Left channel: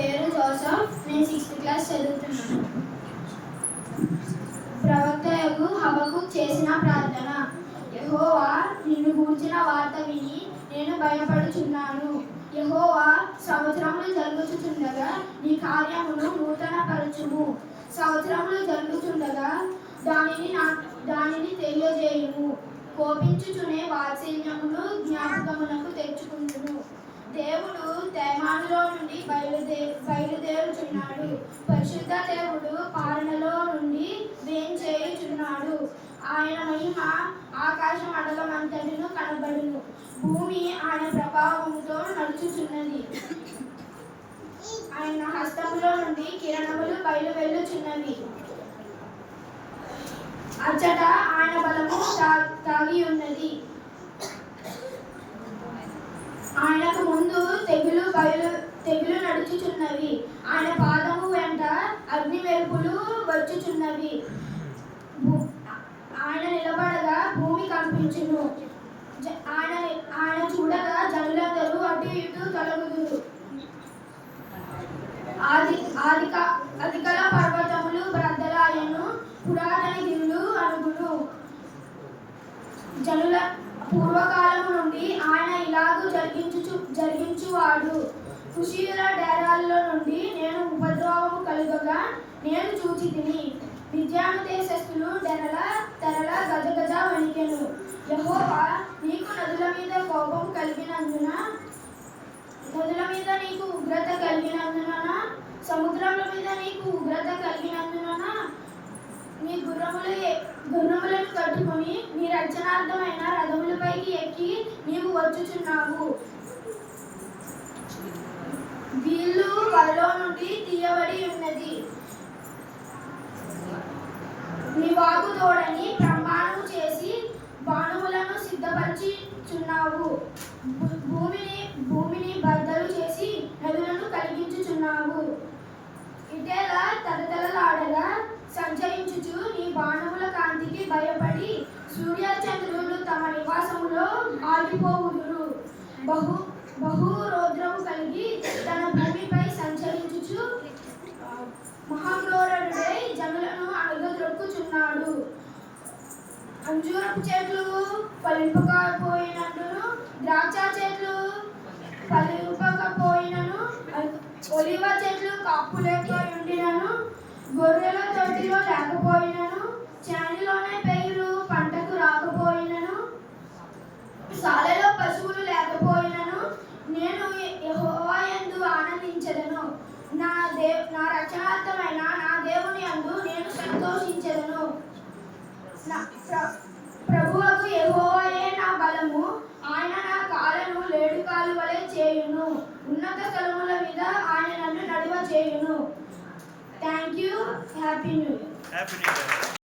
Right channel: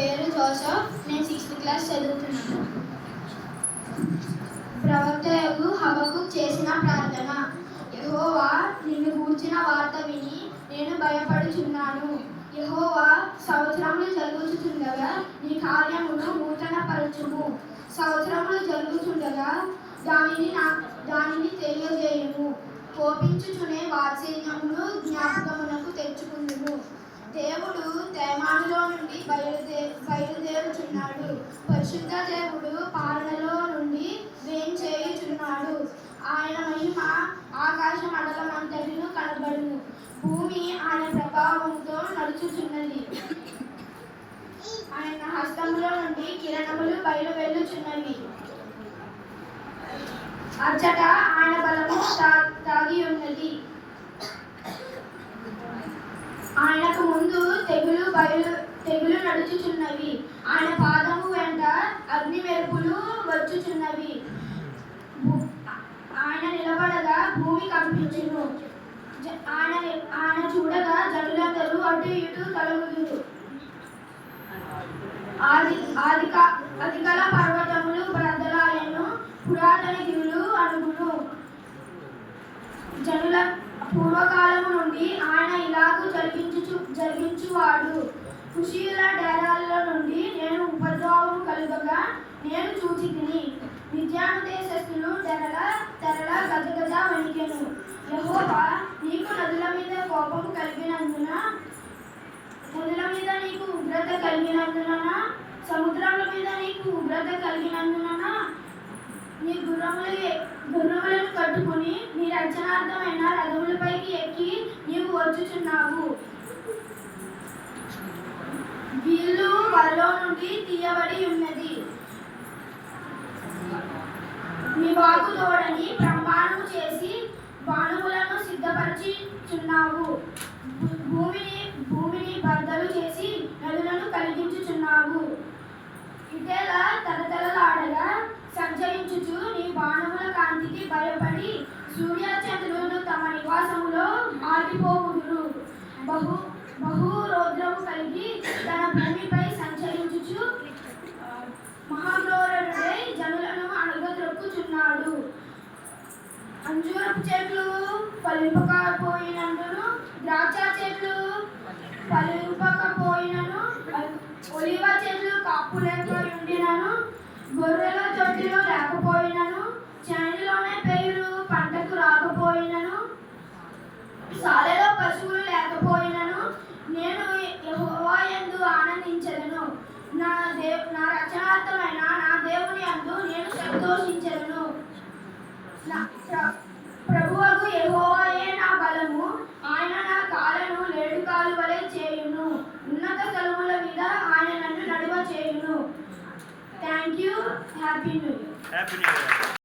పేరు జోసఫ్. నేను 6th class చదువుతున్నాను. ప్రవక్తయగు హబక్కుక్ చేసిన ప్రార్థన. యెహోవా, నిన్ను గూర్చిన వార్త విని నేను భయపడుచున్నాను. యెహోవా, సంవత్సరములు జరుగుచుండగా నీ కార్యమును నూతనపరచుము. సంవత్సరములు జరుగుచుండగా దానిని తెలియజేయుము. కోపించుచునే వాత్సల్యమును జ్ఞాపకమునకు తెచ్చుకుందుము. దేవుడు తేమానులో నుండి బయలుదేరుచున్నాడు. పరిశుద్ధ దేవుడు పాలనలో నుండి వేంచేయుచున్నాడు. ఆయన మహిమ ఆకాశ మండలమంతటిను కనబడును. భూమి ఆయన ప్రభావముతో నడుచుచున్నది. ఆయన హస్తములో నుండి కిరణములు బయలువెళ్ళుచున్నవి. అచ్చట ఆయన బలము దాగి ఉన్నది. ఆయనకు ముందు తెగులు నడుచుచున్నవి. ఆయన పాదము వెంట అగ్ని మెరుపులు వచ్చుచున్నవి. ఆయన నిలబడగా భూమి కంపించును. ఆయన చూడగా జనులందరూ అటు ఇటు తొలగుదురు. అధికల పర్వతములు బ్రద్దలాయను, పురాతన గిరులు అనుగును. జనుల పూర్వకాలము నుండి ఆయన ఇలాగూ జరిగించువాడు. కుషీయుల డేరాల్లో నుండి నేను ఉపద్రవము కలుగగా నేను చూచితిని. మిద్యాను దేశస్థులు తెరల గజగజ వణికెను. యెహోవా, నీకు నదుల మీద కోపము కలిగినందున, నదుల మీద నీకు ఉగ్రత కలిగినందున, సముద్రముల మీద నీకు ఉగ్రత కలిగినందున నీ గుర్రములను కట్టుకుని నీ రక్షణార్థమైన రథములపైకి ఎక్కి నీవు వచ్చుచున్నావు. వీళ్ళు వలలో నుండి తీయబడి ఉన్నది. నీ వాగు తోడని ప్రమాణము చేసి బాణములను సిద్ధపరచుచున్నావు. భూమిని బద్దలు చేసి నదులను కలిగించుచున్నావు. ఇటేలా తలతలలాడగా సంచరించుచు నీ బాణముల కాంతికి భయపడి సూర్యచంద్రులు తమ నివాసములో ఆగిపోవుదురు. బహు రౌద్రము కలిగి తన భూమిపై సంచరించుచు మహాక్రూరుడై జనులను అణగద్రొక్కుచున్నాడు. అంజూరపు చెట్లు ఫలింపకపోయినను, ద్రాక్ష చెట్లు ఫలింపకపోయినను, ఒలివ చెట్లు కాపులేకపోయినను, గొర్రెల తొట్టిలో లేకపోయినను, చేనులోనే పైరు పంటకు రాకపోయినను, సాలెలో పశువులు లేకపోయినను, నేను యెహోవా యందు ఆనందించెదను. నా రక్షణార్థమైన నా దేవుని యందు నేను సంతోషించెదను. ప్రభువకు యెహోవాయే నా బలము. ఆయన నా కాళ్ళను లేడుకాలు వలె చేయును. ఉన్నత స్థలముల మీద ఆయన నన్ను నడువ చేయును. Thank you. Happy new year.